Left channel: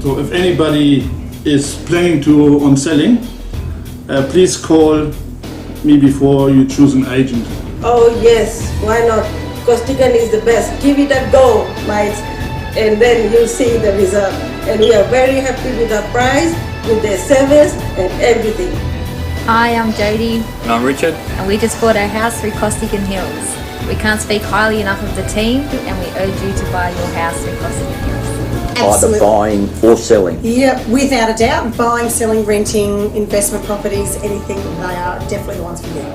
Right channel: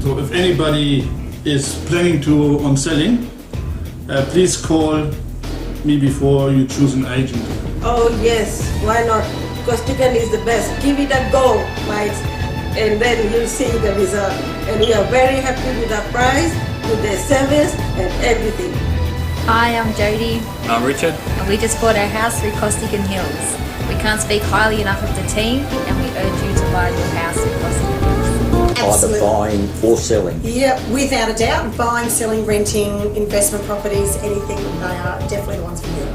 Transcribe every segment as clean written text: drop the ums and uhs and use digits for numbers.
So if anybody is planning to on selling, please call me before you choose an agent. Oh yes, why not? Costigan is the best. Give it a go, mates, and then you'll see the result. And we are very happy with our price, with their service and everything. Hi, I'm Jodie. And I'm Richard. And we just bought our house through Costigan Hills. We can't speak highly enough of the team, and we urge you to buy your house through Costigan Hills. Absolutely. Either buying or selling. Yeah, without a doubt. Buying, selling, renting, investment properties, anything, they are definitely the ones for you.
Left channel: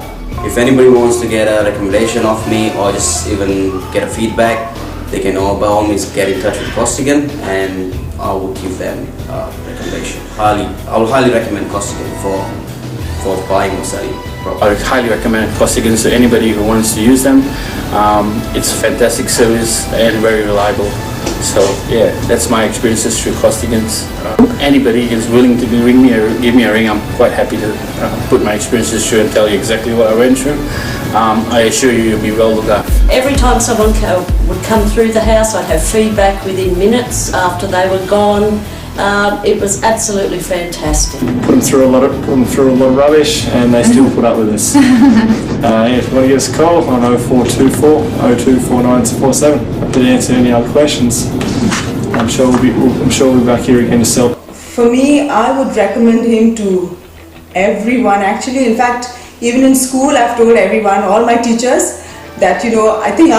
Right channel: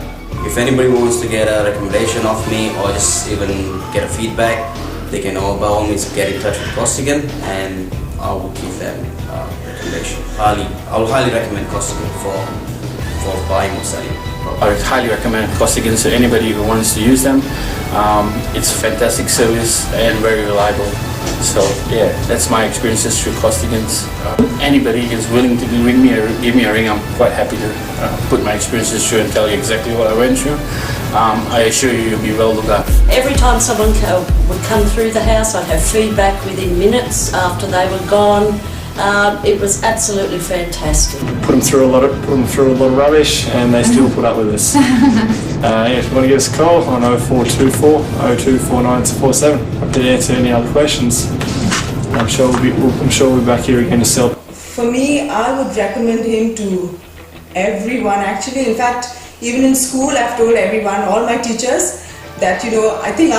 If anybody wants to get a recommendation of me or just even get a feedback, they can all by all means get in touch with Costigan and I will give them a recommendation. I will highly recommend Costigan for buying or selling property. I would highly recommend Costigan to anybody who wants to use them. It's a fantastic service and very reliable. So yeah, that's my experiences through Costigan's. Anybody is willing to ring me or give me a ring, I'm quite happy to put my experiences through and tell you exactly what I went through. I assure you, you'll be well looked after. Every time someone would come through the house, I'd have feedback within minutes after they were gone. It was absolutely fantastic. Put them through a lot of rubbish, and they still put up with us. If you want to give us a call on 0424 024947, happy to answer any other questions. I'm sure we'll be back here again to sell. For me, I would recommend him to everyone. Actually, in fact, even in school, I've told everyone, all my teachers, that I think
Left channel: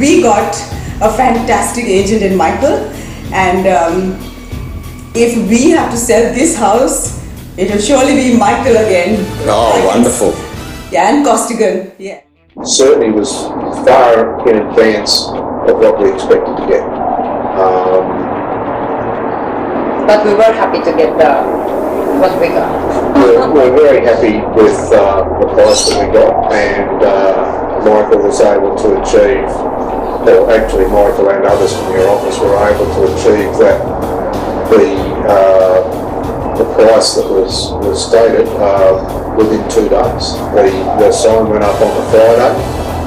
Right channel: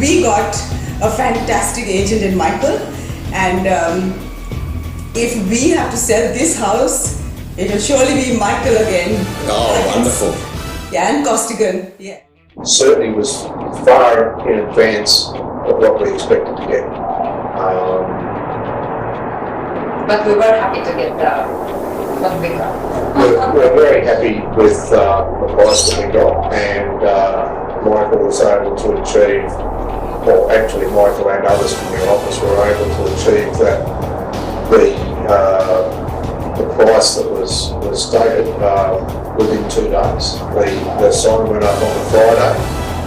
we got a fantastic agent in Michael, and. If we have to sell this house, it will surely be Michael again. Oh, wonderful. Yeah, and Costigan, yeah. Certainly was far in advance of what we expected to get. But we were happy to get what we got. We're very happy with the price that we got, and Michael was able to achieve, or actually Michael and others from your office were able to achieve that. The price that was stated within 2 days. The sign went up on the Friday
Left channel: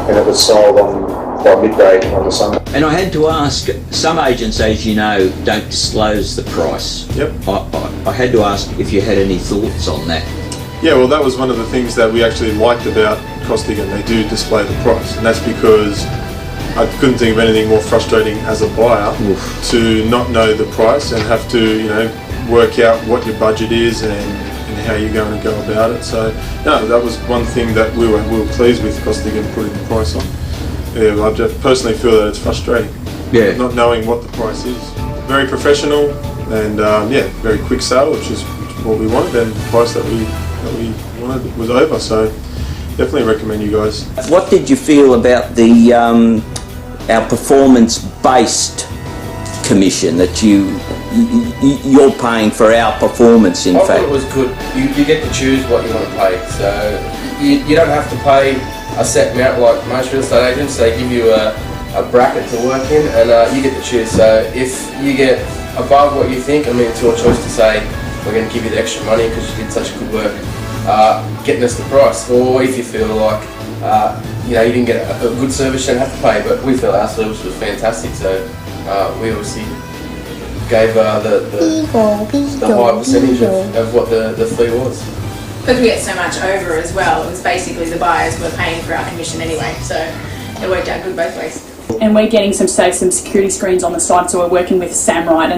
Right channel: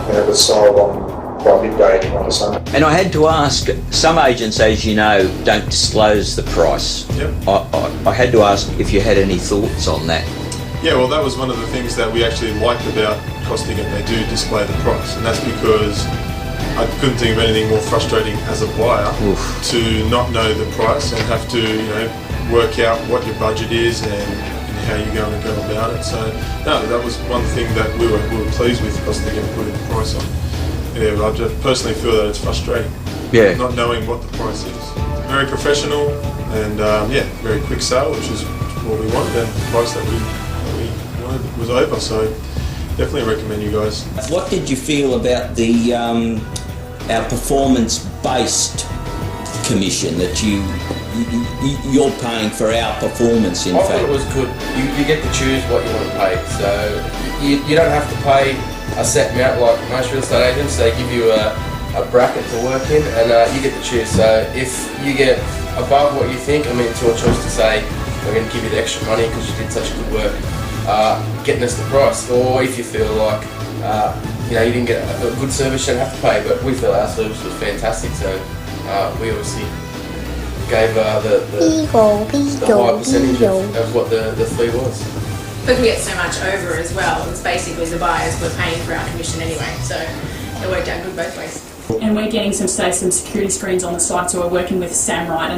and it was sold by midday on the Sunday. And I had to ask, some agents, as you know, don't disclose the price. Yep. I had to ask if you had any thoughts on that. Yeah, well, that was one of the things that we actually liked about Costigan. They do display the price, and that's because I couldn't think of anything more frustrating as a buyer to not know the price and have to, work out what your budget is and how you're going to go about it. So, no, that was one thing that we were pleased with Costigan putting the price on. Yeah, I just personally feel that it's frustrating. Yeah. Not knowing what the price is. Very professional and very quick sale, which is what we wanted, and the price that we wanted was over. So, definitely recommend you guys. What did you feel about the our performance-based commission that you're paying for our performance? In fact, I thought it was good. You get to choose what you want to pay, so you don't have to pay a set amount like most real estate agents. They give you a bracket to work in, and you get to choose. So if you get above what you think, it's your choice to say we're going to give you the extra money because you did such good work getting us the price, or if you feel like you didn't get a good service, you don't have to pay. But we feel our service was fantastic, so we obviously gave the high percentage of what the fee was. Because we get so much over as well, it was basically the buyers were paying for our commission anyway, so it worked out good both ways. And we're getting some security screens on the side, so we're working with Samrite,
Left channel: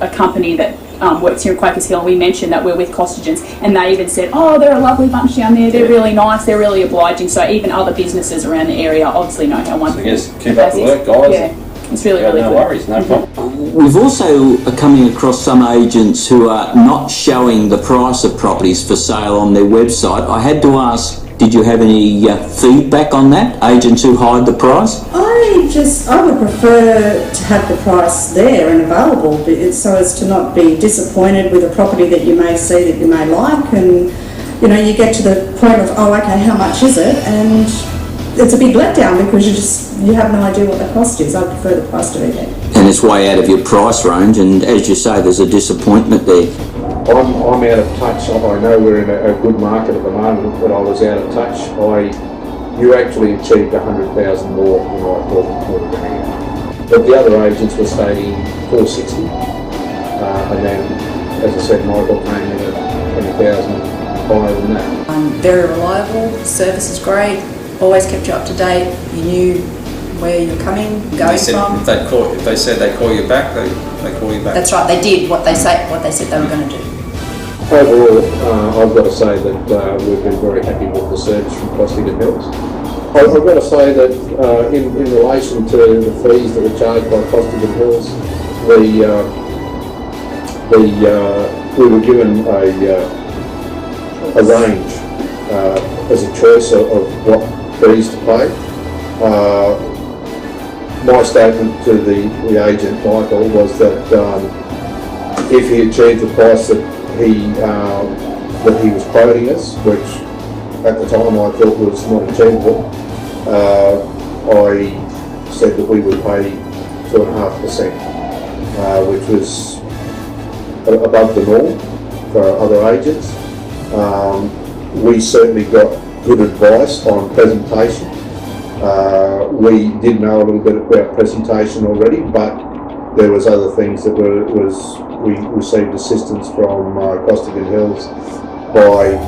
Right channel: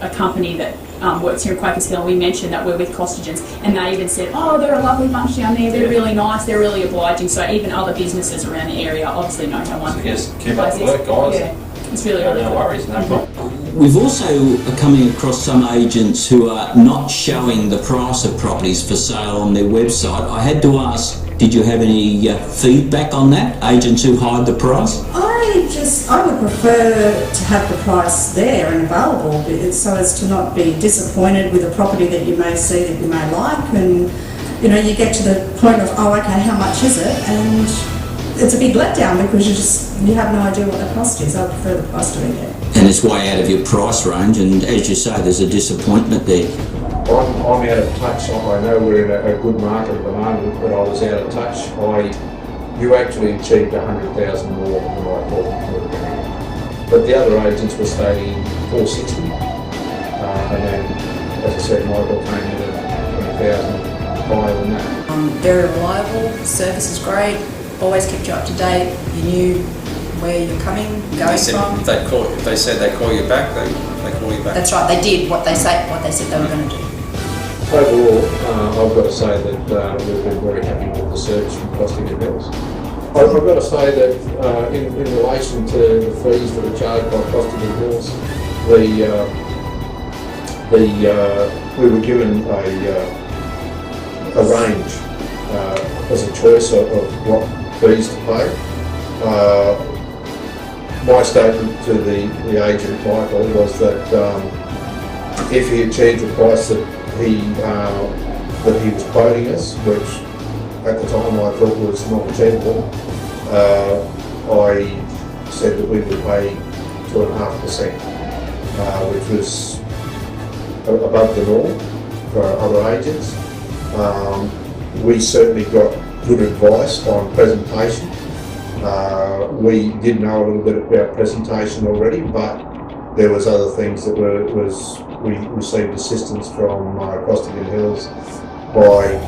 a company that works here in Quakers Hill, and we mentioned that we're with Costigan's, and they even said, they're a lovely bunch down there, they're really nice, they're really obliging, so even other businesses around the area obviously know how wonderful. So just keep up the work, guys. Yeah, it's really good. No worries, no problem. We've also coming across some agents who are not showing the price of properties for sale on their website. I had to ask, did you have any feedback on that? Agents who hide the price? I would prefer to have the price there and available, so as to not be disappointed with a property that you may see that you may like, and you get to the point of how much is it, and it's a big letdown because you have no idea what the cost is. I prefer the price to be there. And it's way out of your price range, and as you say, there's a disappointment there. I'm out of touch. I know we're in a good market at the moment, but I was out of touch. You actually achieved 100,000 more than I thought we were going to get. But the other agents were stating 460. and then, as I said, Michael came in at 20,000 higher than that. Very reliable, service is great, always kept you up to date, you knew where you're coming, going from. If they said they'd call you back, they call you back. That's right, they did what they said they were going to do. Overall, I've got to say that we've been very happy with the service from Costigan Hills. I've got to say that in relation to the fees that were charged by Costigan Hills, we were given a range as a choice of what fees to pay. My statement to the agent, Michael, was that if he achieved the price that he was quoting us, which at the time I thought was not achievable, I said that we would pay 2.5%, which was above the norm for other agents. We certainly got good advice on presentation. We did know a little bit about presentation already, but there was other things that we received assistance from Costigan Hills by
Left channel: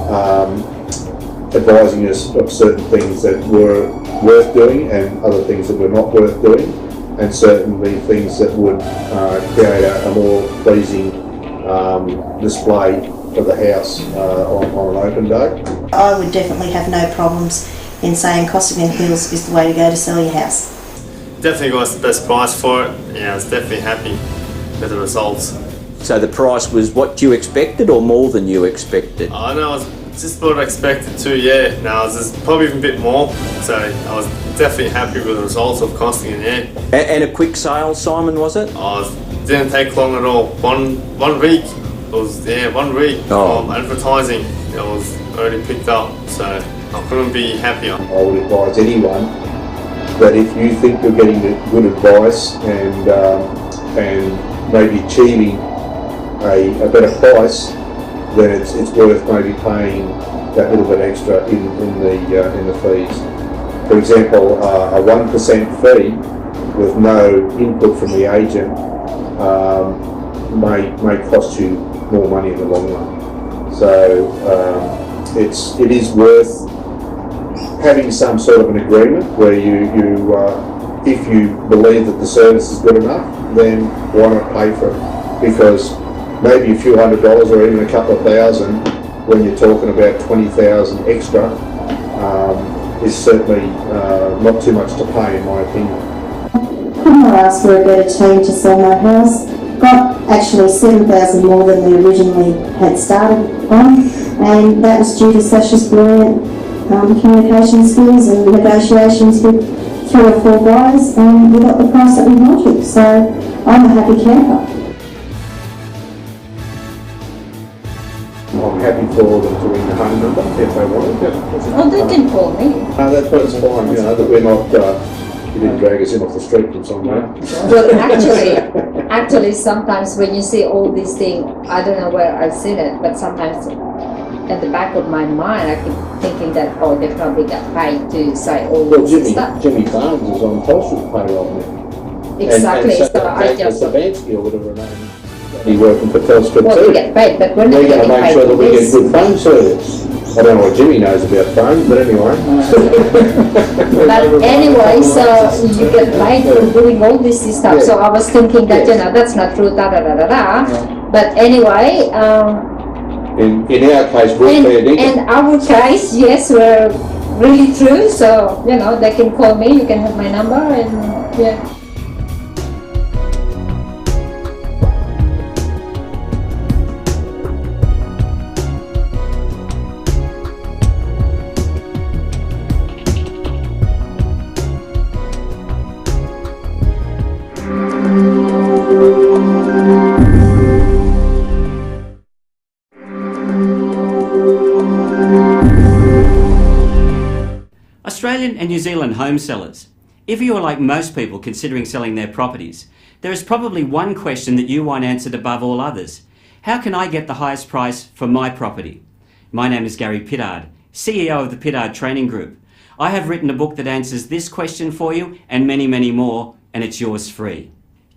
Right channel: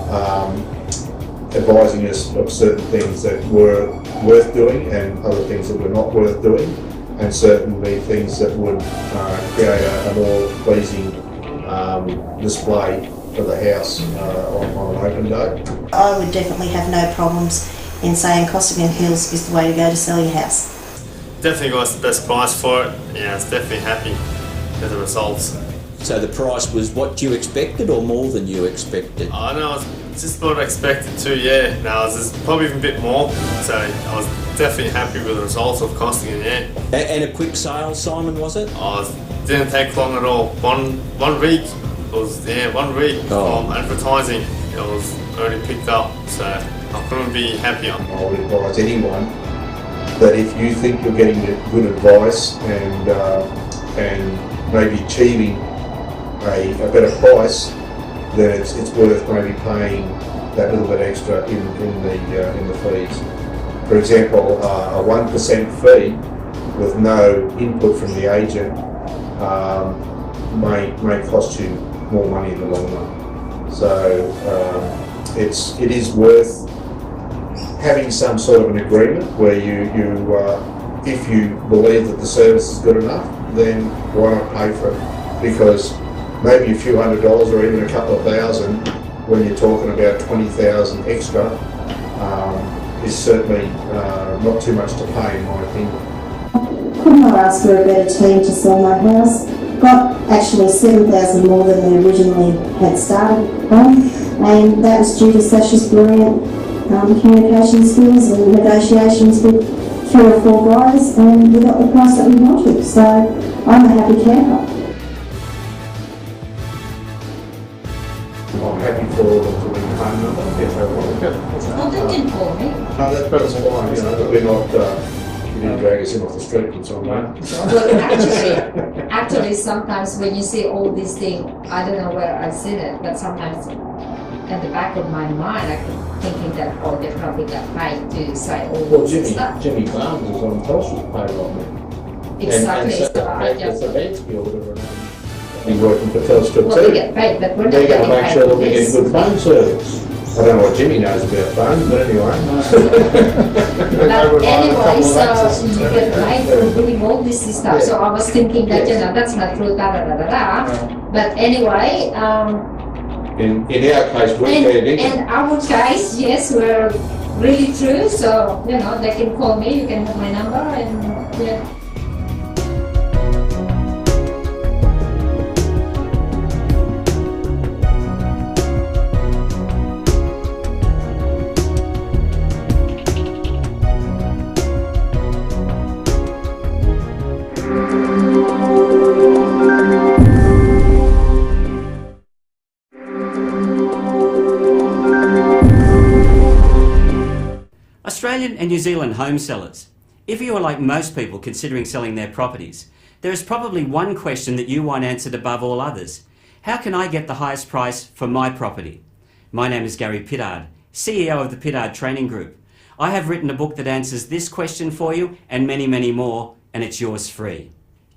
advising us of certain things that were worth doing and other things that were not worth doing, and certainly things that would create a more pleasing display of the house on an open day. I would definitely have no problems in saying Costigan Hills is the way to go to sell your house. Definitely got the best price for it. Yeah, I was definitely happy with the results. So the price was what you expected or more than you expected? I know, I was just what I expected to, yeah. No, I was just probably even a bit more. So I was definitely happy with the results of Costigan, yeah. And a quick sale, Simon, was it? Didn't take long at all. One week. It was, 1 week from advertising. It was already picked up, so I couldn't be happier. I would advise anyone that if you think you're getting good advice and maybe achieving a better price, then it's worth maybe paying that little bit extra in the fees. For example, a 1% fee with no input from the agent may cost you more money in the long run. So it is worth having some sort of an agreement where you if you believe that the service is good enough, then why not pay for it? Because maybe a few $100s or even a couple of thousand, when you're talking about 20,000 extra, is certainly not too much to pay, in my opinion. I asked for a better team to sell my house, but actually 7,000 more than we originally had started on, and that was due to Sasha's brilliant communication skills and negotiations with 3 or 4 guys, and we got the price that we wanted, so I'm a happy camper. I'm happy for them to ring the home number if they want it. Oh, they can call me. That's fine, you know, that we're not, you didn't drag us in off the street from somewhere. Well, actually, sometimes when you see all these things, I don't know where I've seen it, but sometimes at the back of my mind, I keep thinking that, oh, they probably got paid to say all this stuff. Jimmy Barnes is on Telstra's payroll now. Exactly, and so I just... Sabansky or whatever her name is. He's working for Telstra too. Well, we get paid, but we're not going to make sure that we get good phone service. I don't know what Jimmy knows about phones, but anyway. But anyway, so you get paid for doing all this stuff. Yeah. So I was thinking that, you know, that's not true, Yeah. But anyway... In our case, we're fair dinkum. In our case, yes, we're really true. So, you know, they can call me, you can have my number, and yeah. Australian and New Zealand home sellers, if you are like most people considering selling their properties, there is probably one question that you want answered above all others. How can I get the highest price for my property? My name is Gary Pittard, CEO of the Pittard Training Group. I have written a book that answers this question for you and many, many more, and it's yours free.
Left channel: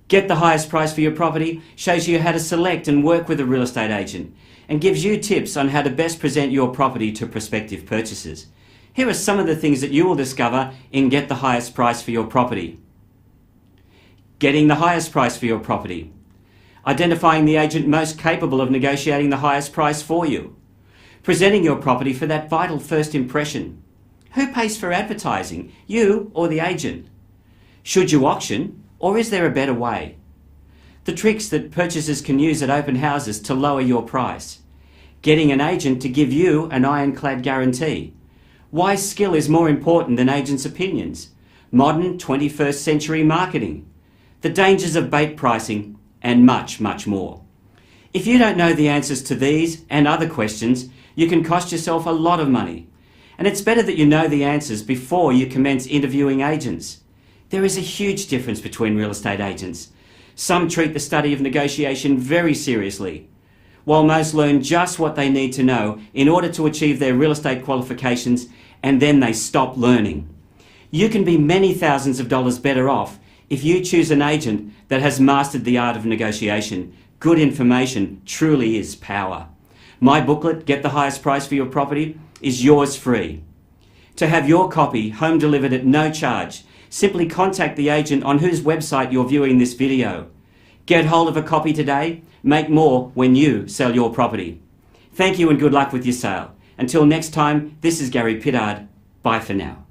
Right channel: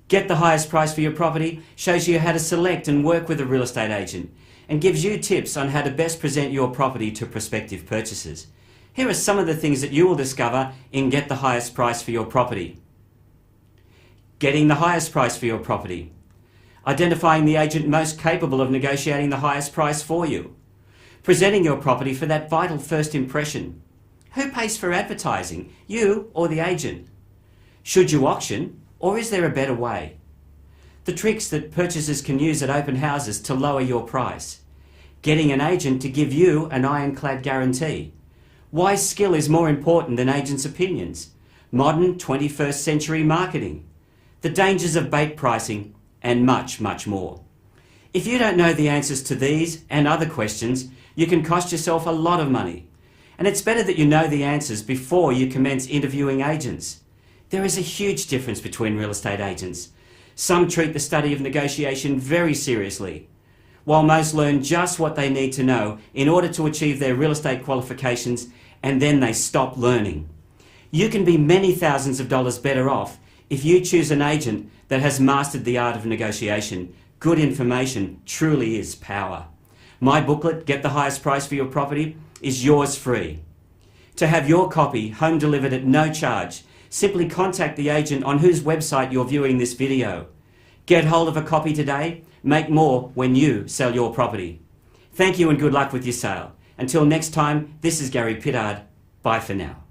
Get the highest price for your property shows you how to select and work with a real estate agent and gives you tips on how to best present your property to prospective purchasers. Here are some of the things that you will discover in Get the Highest Price for Your Property. Getting the highest price for your property. Identifying the agent most capable of negotiating the highest price for you. Presenting your property for that vital first impression. Who pays for advertising, you or the agent? Should you auction, or is there a better way? The tricks that purchasers can use at open houses to lower your price. Getting an agent to give you an ironclad guarantee. Why skill is more important than agents' opinions. Modern 21st century marketing. The dangers of bait pricing, and much, much more. If you don't know the answers to these and other questions, you can cost yourself a lot of money. And it's better that you know the answers before you commence interviewing agents. There is a huge difference between real estate agents. Some treat the study of negotiation very seriously, while most learn just what they need to know in order to achieve their real estate qualifications, and then they stop learning. You can be many thousands of dollars better off if you choose an agent that has mastered the art of negotiation. Good information truly is power. My booklet, Get the Highest Price for Your Property, is yours free. To have your copy home delivered at no charge, simply contact the agent on whose website you're viewing this video. Get hold of a copy today. Make more when you sell your property. Thank you and good luck with your sale. Until next time, this is Gary Pittard. Bye for now.